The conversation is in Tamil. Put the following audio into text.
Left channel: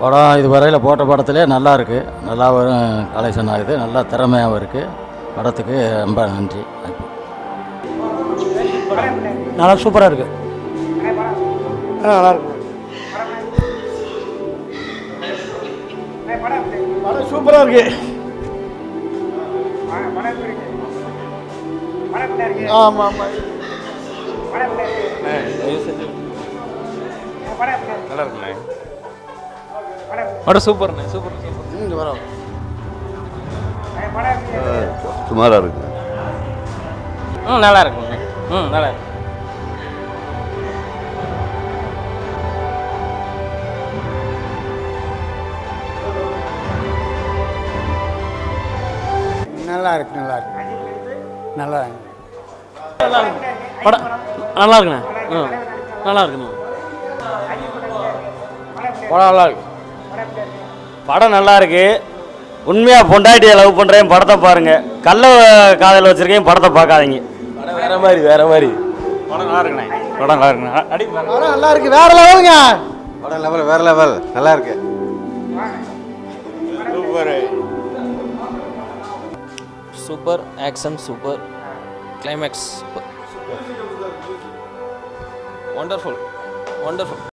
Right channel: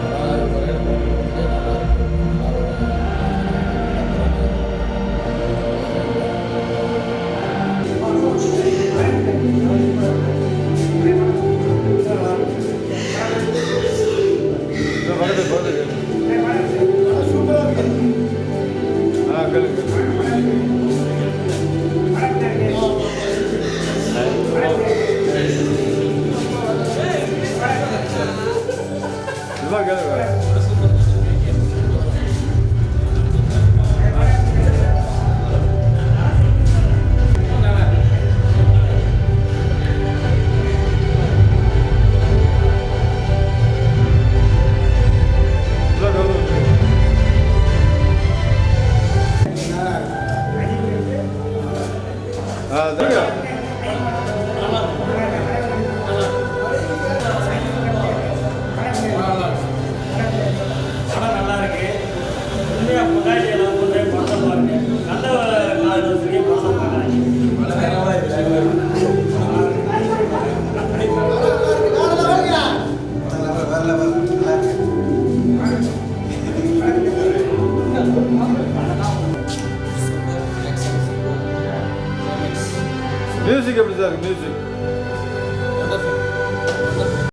படம் இது வரையில் போட்ட படத்திலே நல்லா இருக்கு. நல்லா கலெக்ஷன் ஆகுது. நல்லா திறமையாகவும் இருக்குது படத்துக்கு ரொம்ப நன்றி. நல்லா சூப்பராக இருக்கு. ஆ நல்லா இருக்கு. சூப்பராக இருக்கு. ஆமாம் ஆமாம் படம் சூப்பர் சுமாராக இருக்கு ம் நல்லா இருக்கு ம் நல்லா இருக்கு நல்லா இருக்கு நல்லா இருக்கு. நல்லா இருக்கு. படம் நல்லா இருக்குண்ணே. ம் நல்லா இருக்கு. நல்லா இருக்கு படம் நல்லா இருக்கு. உண்மையாக பொண்டாட்டியை லவ் பண்ணுறேன் படத்தை பாருங்க. கள்ள காதல் வச்சிருக்கேன் படத்தை பார்க்காதீங்க. வேற மாதிரி வேற மாதிரி. படம் நல்லா இருக்குண்ணே. படம் நல்லா இருக்குண்ணே. அடி. படம் நல்லா இருக்கு வேற லெவலுங்க படம் லெவல் வேற லெவல் நல்லா இருக்கு. Super. Action super climax music எப்படி சார் மியூசிக் ஒண்டர்ஃபுல் ஒண்டர்ஃபுல்